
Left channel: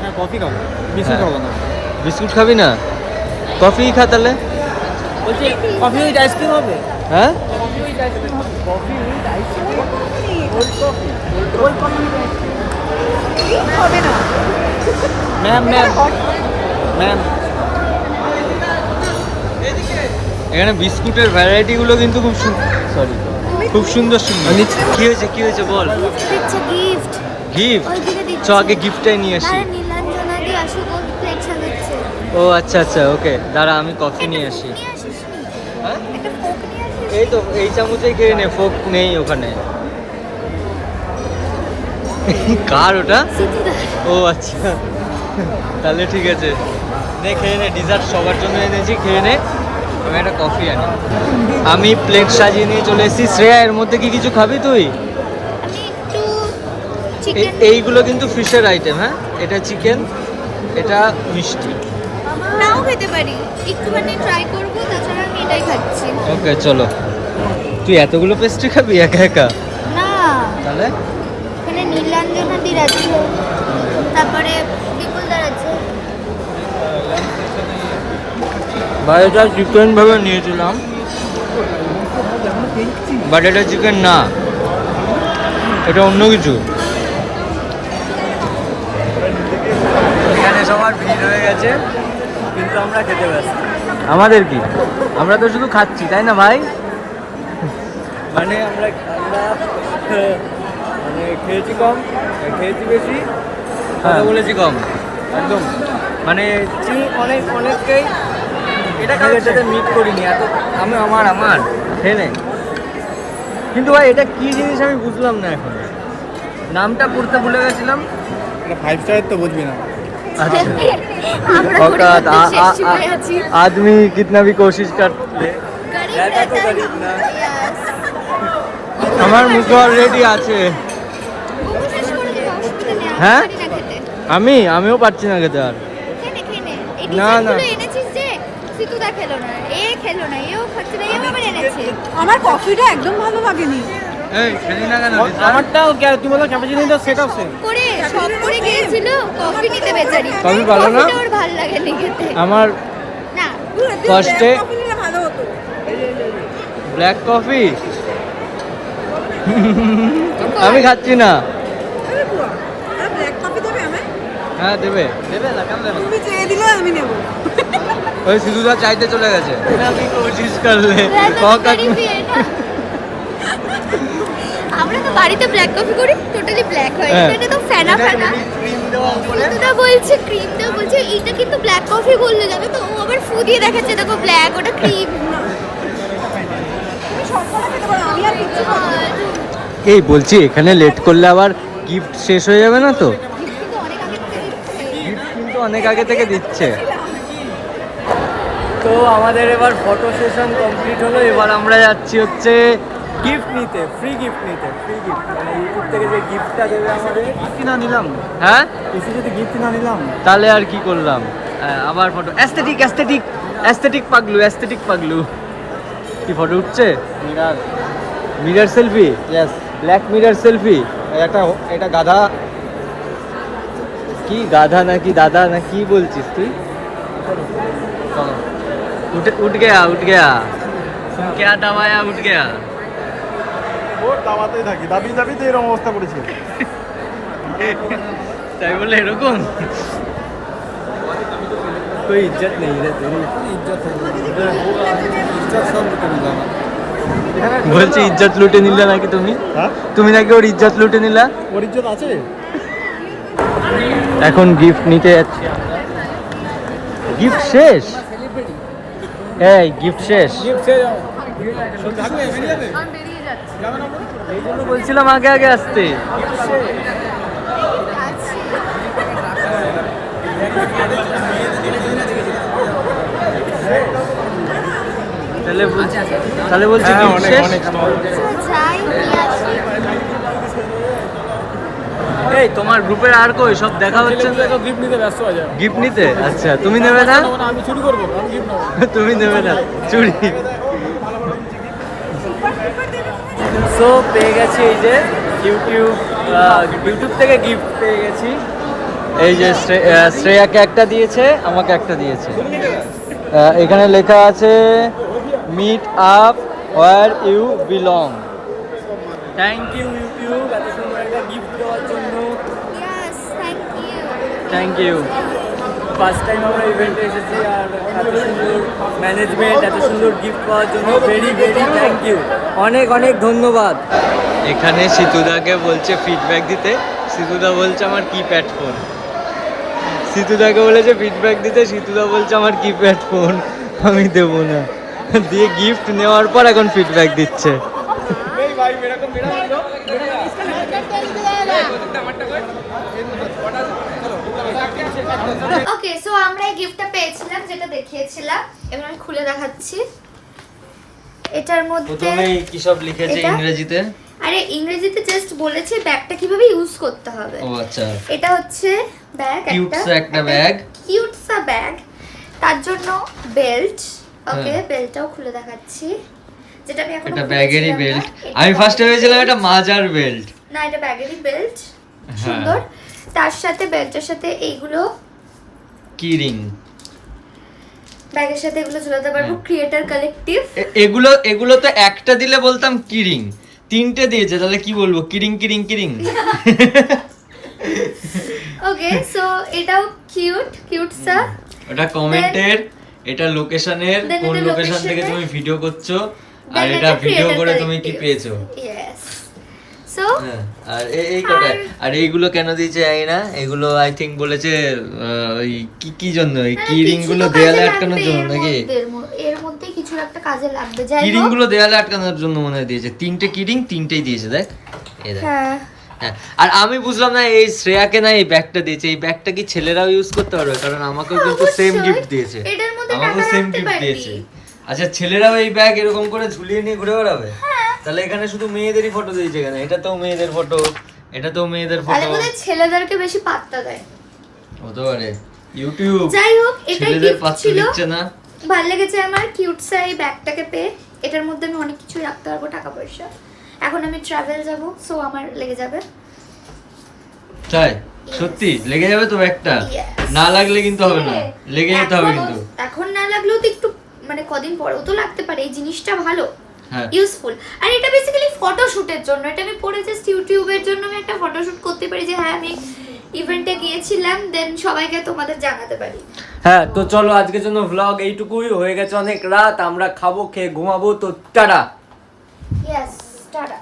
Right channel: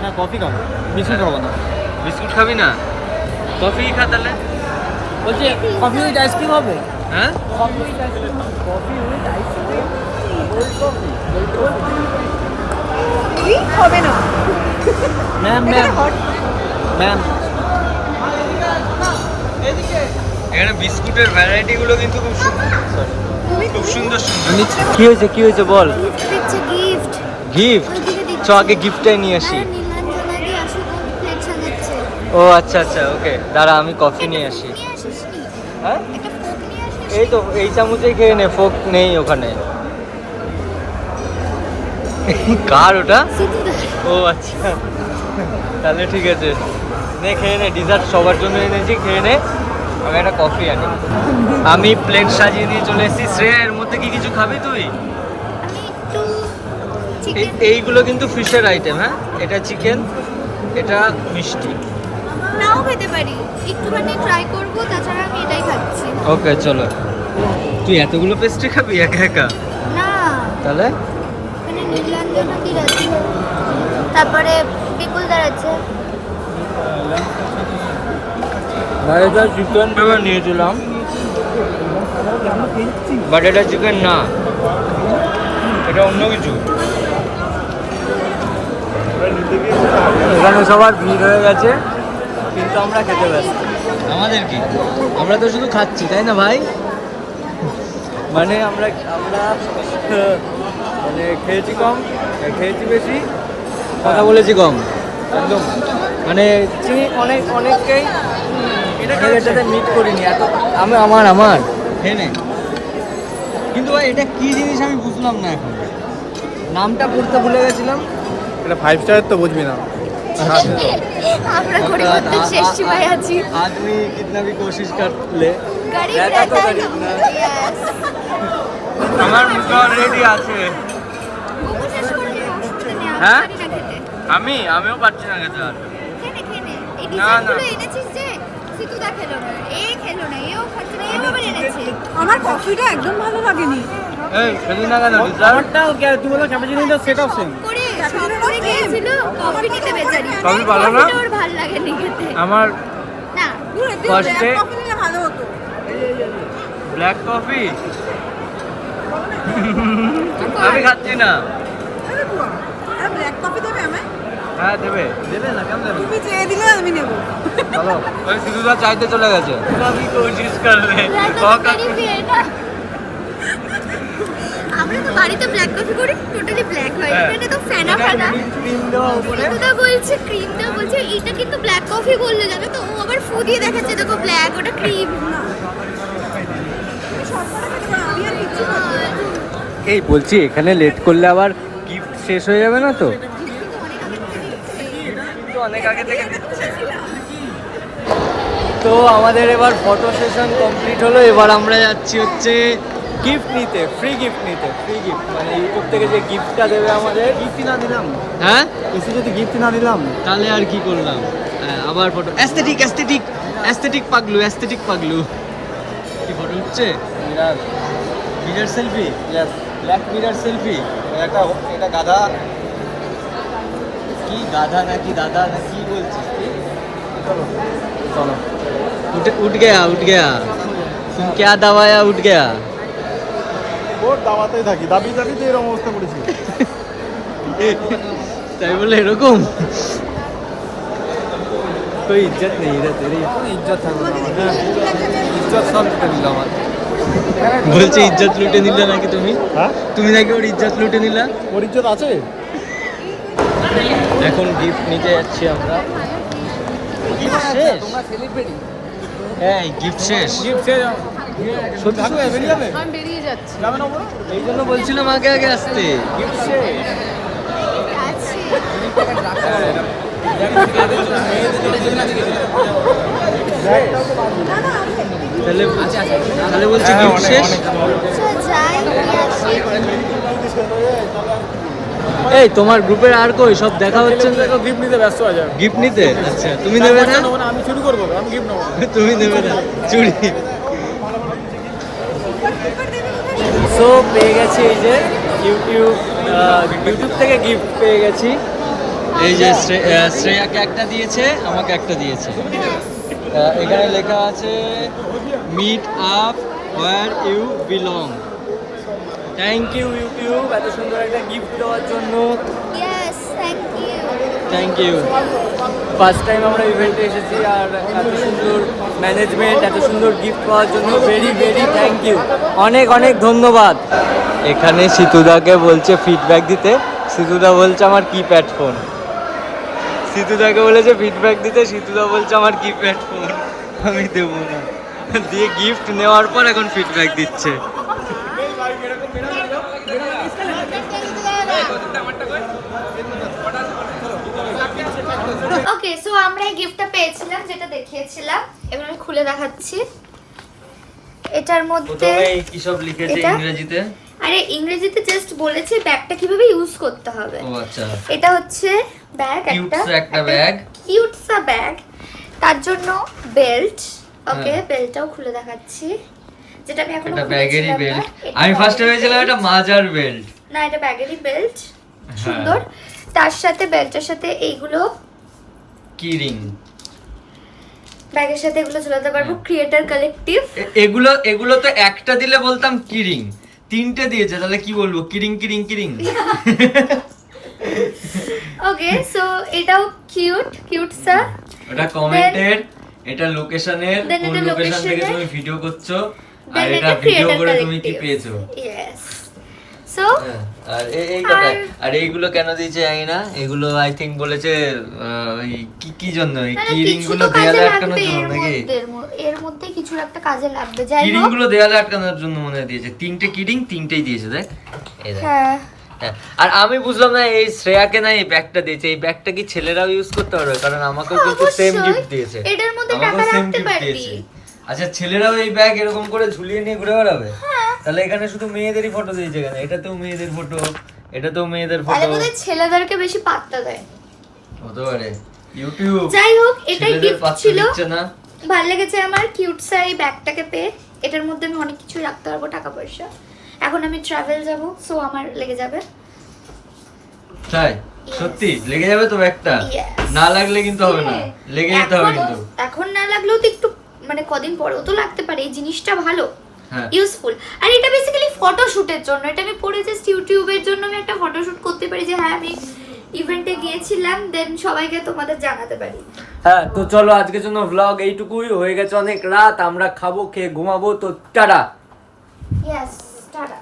হ্যাঁ, কফি খাবো, বিস্কুট খাবো না। বিস্কুট খাবি না? কফি খা তাহলে। বলছি কফি উইথ আইসক্রিম হবে? হ্যাঁ, ম্যাম ম্যাম এখানে বিস্কুটের ভ্যারাইটি গুলো কিন্তু খুব খুব সুন্দর সুন্দর। কি হয়েছে বল। দিচ্ছে গিফট, গিফট? ওইদিকে দিচ্ছে। চ আগে গিফটটাই নিয়ে আসি। আরে নীলাঞ্জনা দি আসুক, ওর প্লেট সাজাচ্ছে। ও আচ্ছা ওকে, দাঁড়া আমি কফি নিয়ে আসি। নিয়ে আসিস নি? হ্যাঁ, একটা ফোক নিয়ে আসিস? এই তো এই চামচেই খেয়ে নে, ফোক নেই ওখানে। কার ওটা? সিতুদার। ও আচ্ছা, তাহলে ঠিক আছে, নে খেয়ে নে, ডিজার্ট সবার জন্য এনেছি, খেয়ে নে। আমি একটা কফি আনি। আমি প্লেট সাজিয়ে নিয়ে চলে এসেছি। শ্রেয়া, এর মধ্যে কি কিছু খাবি তুই? আমি একটু চিকেন এইগুলো কিন্তু ফিশের আইটেম। হ্যাঁ, এটা চিকেন, এটা মিষ্টি। নাও খেতে পারি, একটুখানি ট্রাই করবো, তাছাড়া আমি এটাই খাচ্ছি। ওকে চলো। তুই এতগুলো পেস্ট্রি খাবি একা একা? না, তাহলে এখানে নীলাঞ্জনা দির আছে, তারপরে বিপুলদার আছে। এটা চিকেন ভেবে নিয়েছিলাম, বাট এটা চিকেন না, এটা অন্য কিছু। এখানে সবার ভিড় হয়ে গেছে, কিন্তু আমরা খেতে ব্যস্ত। আমাদের কি? আমরা তো শুধু খাচ্ছি, তাই না ভাই? মানে আমরা মানে খেয়েছি কম, খেয়েছি বেশি, কথা বলেছি কম। একদম। মানে অনেককেই অনেকের সাথে মিট করিনি এত। আমার খেয়ে নেন। কিন্তু ভাই এটা কি জিনিস আমি বুঝলাম না এখন, নামটা পড়তে ভুলে গেছিলাম। এটা 5 স্টারের তো বুঝবি না। अच्छा আমরা औकात পরিবর্তন শেষ সীমায় আছি। आदमी कितना भी कोशिश कर ले গরিব रहता तो रहता है गरीब ना। Yes. আমার মুখে অলরেডি আছে। মোমো শেষ করে দিবো, অসুবিধা নেই, আমি হ্যাঁ? পারি না খেতে। আমিও পারছি না খেতে আর। খেয়ে নে। এই না, ডিজাইনগুলো না। এনেছিস যে, সিতুদা খেলো না, খেলো না, এও খাচ্ছে না, এও আবার এনেছে। আমার কফিটা একদম ভালো লাগেনি। এই খেলি না কেন? আমারটাও তুমি বলো ক্যাপাচিনোটা সেট অফ সেম। করে সব করে গিয়েছিল কফি নিতে বেচারি। কফি ভালো না? কফিটা ওর ভালো লাগেনি খেতে। আমার না, কষ্টে কফি নিলে ভালো হতো। ব্ল্যাক কফি আমি খাচ্ছি না। আরে বুয়া, আরে ব্ল্যাক কফি দেবে আমায়? হ্যাঁ দেবে। তুমি চেয়ে দিলে আমি নেব। ওই সিধুদা চাইতে চলে গেছে। আমি কোশিশ করলে আমরা তো বাড়িতে ব্ল্যাক কফি করি, টোটালি ব্ল্যাক হয়। হ্যাঁ। এখানে তো ফেনা ফেনা। ক্রিম দেওয়া উপরে। সিতুদা বলছে ক্রিম দাও, বলছে এটা কিন্তু ব্ল্যাক কফি বললে জানো তো, ও আবার ফু দিয়ে দেখাচ্ছে, দেখো ব্ল্যাক, ওটা ক্রিম। তুমি সবকটা খেতে পারো, আমি আর কিচ্ছু খাবো না। এই বলছি এখানে লেট করলে আবার গিফট শেষ হয়ে যাবে না তো? কিন্তু অনেক আগে থেকে দিচ্ছে। আগে থেকে দিচ্ছে। তো আমাদের এবার ফটো সেশন কমপ্লিট হলো। এবার আমরা যাচ্ছি হচ্ছে গিফট নিতে, ফ্রি গিফট নিতে, ফ্রি গিফট মানে ইউটিউব থেকে যে গিফটটা দেবে আমাদের। গিফট না নিলাম, হ্যাঁ এসে যদি গিফট না নিলাম তাহলে আর কি করলাম। আবার photo aesthetic aesthetic aesthetic Paglu, aesthetic Paglu. কি ফটো উঠছে? Mirror selfie, black mirror selfie. এটা গাধা। কি গাধা নাকি দাদা না কি বলছিস তুই? চলো उठ गया उठ गया, तुम क्या दबाया उठ गया। ওর দাবাতেই থাকি, দাবি দাবি তো এরকম অবস্থা করেছে। তাই বলে এরকম कोई इज्जत नहीं रे तेरी। ইজ্জত থাকবে না আমাদের, ইজ্জত সব লুটে নিল আমার। বলছি ইজ্জত লুটে নিলে নাকি তুমি? হ্যাঁ, তুমি নাকি ওর ইজ্জত লুটে নিলা? ওর ইজ্জত আছে। এখন গিফট নিতে যাচ্ছি আমরা। গিফট শেষ? এই গিফট শেষ? গিফট সে সত্যি সত্যি বেরিয়ে যাবে, যাবে না বলো? এই জন্য বলছিলাম আগে আগে আসতে। গিফট সে তাহলে তাহলে বলছি গিফট শেষ। এই তোমার গ্রুপের আর কই সব দেখা হচ্ছে না? গিফট নিতে ব্যস্ত হয়ে যাবে। গিফট নিতে? আচ্ছা তুমি নেবে না? আমি চুরি করবো, আমি গিফট নেবো। তুমি নেবে না চুরি? সো পেয়ে গেছি এই যে ইউটিউব থেকে গিফট পেয়ে গেছি। এই যে শ্রেয়াকে একটা দিয়েছে, আমাকে একটা দিয়েছে। এখানে লেখা আছে meet up where you belong. Thank you YouTube এত সুন্দর একটা গিফট দেওয়ার জন্য। Yes, thank you. Thank you. First time আমরা ইভেন্টে এসেছি আর এত সুন্দর ম্যানেজমেন্ট, এত সুন্দর গিফট পাওয়ার জন্য ভেরি ভেরি থ্যাংক ইউ, অনেক অনেক ধন্যবাদ। এখানে সিতুদাকে বলছে ফিডব্যাক দিতে, সিতুদা বলছে আমার কিপ্যাড ফোন। সিতুদাকে বলেছে ফিডব্যাক দিতে, সিতুদা বলছে আমার কিপ্যাড ফোন আমি দেবো না। দিয়ে গিফট নেওয়ার পর এখন ফিডব্যাক দিচ্ছে। ওকে, সো আমরা এই গিফটটা পেয়েছিলাম যেটা দেখিয়েছিলাম, এবার আমি খুলে দেখাচ্ছি। এটার মধ্যে প্রথমে কি সব লিখেছে এটা? ইংরেজিতে? আরে ইংরেজিতে জাস্ট বলেছে ব্যাগটা কিভাবে ইউজ করতে হবে। ও আচ্ছা, এটা হচ্ছে ব্যাগ, একটা ব্যাগ, কিউট সা ব্যাগ। তার জন্য বেল্ট। ওকে, হ্যাঁ। বেল্টটাও খুলে দেখাচ্ছি, যেটা আমি এখন এটা ব্যাগেরই বেল্ট। আমি ফার্স্টে ভেবেছিলাম এটা মাজার বেল্ট। না, এটা ব্যাগেরই বেল্ট, সুন্দর। তার সাথে বেল্টের সাথে এইগুলো কি রিং, ব্যাগের সাথে এগুলো ঝোলাতে পারবো। Creator collective. এগুলো এগুলো তো একটা দিলে বলতাম কি রিং, তিনটে দিয়েছে তাহলে কি বলবো? কিরিং কিরিং কিরিং। ওকে, সো এটাও কিউট সা। ওটা কমেন্টের, এটা লোকেশনের, Then কোন এটা লোকেশন থেকে location-এর। তুমি ভিডিও করছো আর Then এটা এটা ভিডিও creator করে তুমি কি collective। পেয়েছো। Yes. So হ্যাঁ, আর এই কটা। আর- আর এইগুলো কেন দিয়েছে জানি না, এগুলো আই থিঙ্ক বলেছে ওই কি জন্য এই মানে কি রিং কিছু গুলো তো কাজে দেয়ালে লাগবে আটকানোর জন্য নাকি? এর মধ্যে কিছু একটা কাজে লাগবে। যাই কি রিং হোক, গুলো দেয়ালে আটকানোর জন্য মনে হয় দিয়েছে। তিনটে কি রিং, তিনটেই দিয়েছে দেখ, এই দেখ। হ্যাঁ, হ্যাঁ, আর আমি বুঝলাম না এই শ্রেয়াকে না এই ব্যাগটা দিয়েছে, এই ব্যাগটা কি ছেলেরাও ইউজ করতে পারবে? কারণ আমাকেও কিন্তু সেম অবশ্যই। গিফট দিয়েছে, এটার মধ্যে আমাকেও টাকা সেম রাখতে গিফট পারবি। দিয়েছে। আচ্ছা, ছেলেরাও এই ব্যাগ এরকম করে ঝুলিয়ে নিয়ে ঘুরে বেড়াবে? তাহলে এখানে শুধু মেয়েদেরই ফটো দিয়েছে কেন? এটা তো মেয়েদের ফটো, এটা তো মেয়েদের আরে ফটো। বলে ছেলেদেরকে বেশি পাত্তা দেয়। হতে পারে ইউটিউব যাই হোক, এটাই ছেলেদের গিফট পাত্তা ছিল। দিচ্ছে না। ভালো লেগেছে আমার কিউট সা এই ব্যাগটাকে পেয়ে। এটার মধ্যে আমি অনেক কিছু রাখতে পারবো, টাকা পয়সা। এখন আমি ট্রাভেল যাব, সো আমার লেগে যাবে। তাই সত্যি লেগে যাবে তো ব্যাগটা? Yes. না লাগলে কিন্তু হবে না, লেগে যেতে হবে কিন্তু। এখন না লাগলেও তো একটু মানে কদিন পরেও তো লাগতে পারে। এই জিনিসটা ভালো, হ্যাঁ, ইউজফুল। আর এটা বেসিক্যালি ফটোশুটের জন্য। এটা আমি পরে জাস্ট ইউটিউবের জন্য আমি একটা ফটোশুট করতে পারি, যে হ্যাঁ আমি ইভেন্টে গিয়েছিলাম, দেন সবাইকে তোমাদের জানাতে পারি। হ্যাঁ, তো চলো আজকের জন্য ভ্লগ এইটুকুই, হয়ে গেছে অনেক রাত, আমরা খাবো, খেয়ে ঘুমাবো। তো টাটা। Yes, tata.